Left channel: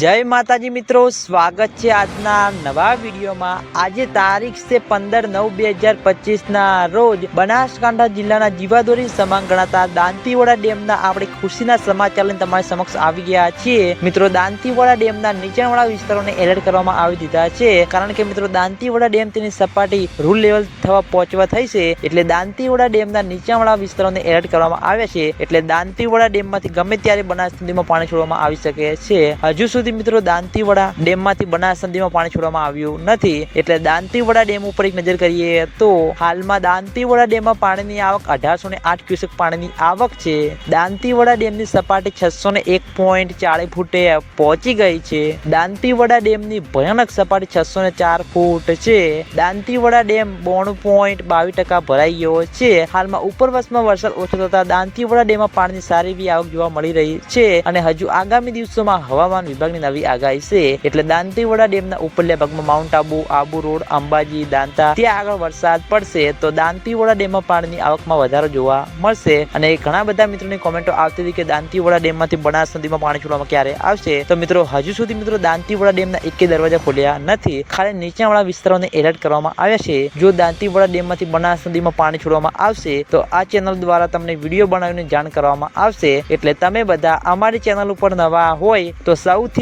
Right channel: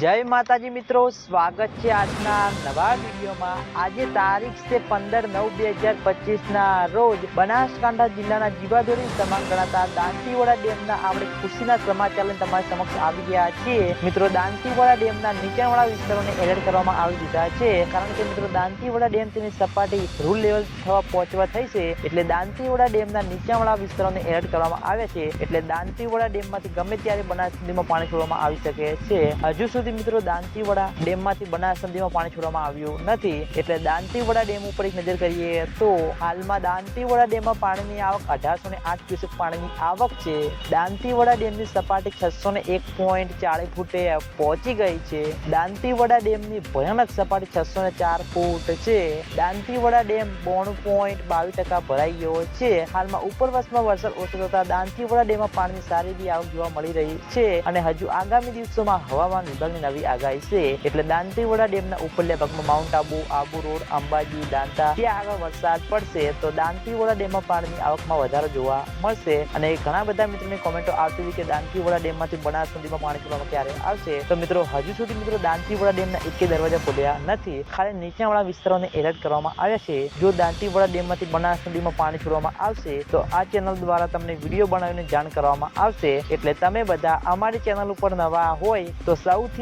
જય માતાજી મિત્રો, સ્વાગત છે આજના નવા વિડીયોમાં. આજે તારીખ છે પંદર નવ બે હજાર પચીસના રોજ બનાસકાંઠા જિલ્લાના જીવાદોરી સમાન ગણાતા દાંતીવાડા ડેમના આપણે ખુશીના સમાચાર લઈને તમારી સમક્ષ આવી ગયા છીએ. મિત્રો, દાંતીવાડા ડેમના નીચાણવાળા વિસ્તારોને એલર્ટ કરવામાં આવી દીધા છે. કારણ કે મિત્રો, દાંતીવાડા ડેમ તેની સપાટી રૂલ લેવલ થવા પહોંચવા થઈ છે. એટલે દાંતીવાડા ડેમના નીચાણવાળા વિસ્તારોને એલર્ટ કરવામાં આવ્યા છે. એટલે દાંતીવાડા ડેમમાંથી ગમે ત્યારે બનાસ નદીમાં પાણી છોડવામાં આવી શકે છે. હજુ સુધી મિત્રો દાંતીવાડા ડેમમાંથી બનાસ પાણી છોડવામાં આવ્યું નથી. એટલે દાંતીવાડા ડેમ ઉપર એક નજર કરીએ તો હાલમાં દાંતીવાડા ડેમમાં પાણીની આવક અઢારસો ને આઠ ક્યુસેક પાણીની આવક છે. દાંતીવાડા ડેમની સપાટી છસો ને એક પોઈન્ટ ચાળીસ ફૂટે પહોંચી ગઈ છે. દાંતીવાડા ડેમની ભયાનક સપાટી છસો ને ચાર ફૂટ છે. દાંતીવાડા ડેમ બોણું પોઈન્ટ બાવીસ ટકા ભરાઈ ગયો છે. હાલમાં ઉપરવાસમાં વરસાદ ઓછો થતા દાંતીવાડા ડેમમાં પાણીની સારી એવી આવક જોવા મળી રહી છે અને હજુ આગામી દિવસોમાં હવામાન વિભાગની નવી આગાહી છે. એટલે દાંતીવાડા ડેમના ઉપરલા ભાગમાં માઉન્ટ આબુ આબુ રોડ અંબાજી, દાંતા, ત્યાં આગળ વરસાદ પડશે તો દાંતીવાડા ડેમમાં પાણીની આવકમાં વધારો જોવા મળશે. અને ઘણા બધા મિત્રોની કોમેન્ટો આવતી હતી કે દાંતીવાડા ડેમમાંથી બનાસ નદીમાં પાણી છોડવામાં ક્યારે આવશે? તો મિત્રો, હજુ સુધી મિત્રો દાંતીવાડા ડેમના એકે દરવાજા ખોલ્યા નથી. ખાલી નીચાણવાળા વિસ્તારોને એલર્ટ કરવામાં આવ્યા છે. જો દાંતીવાડા ડેમમાંથી બનાસ નદીમાં પાણી છોડવામાં આવશે, તો આ ચેનલ દ્વારા તમને વીડિયો બનાવીને જાણ કરવામાં આવશે. એટલે તમે બધા અમારી ચેનલ ઉપર નવા હોય તો સૌથી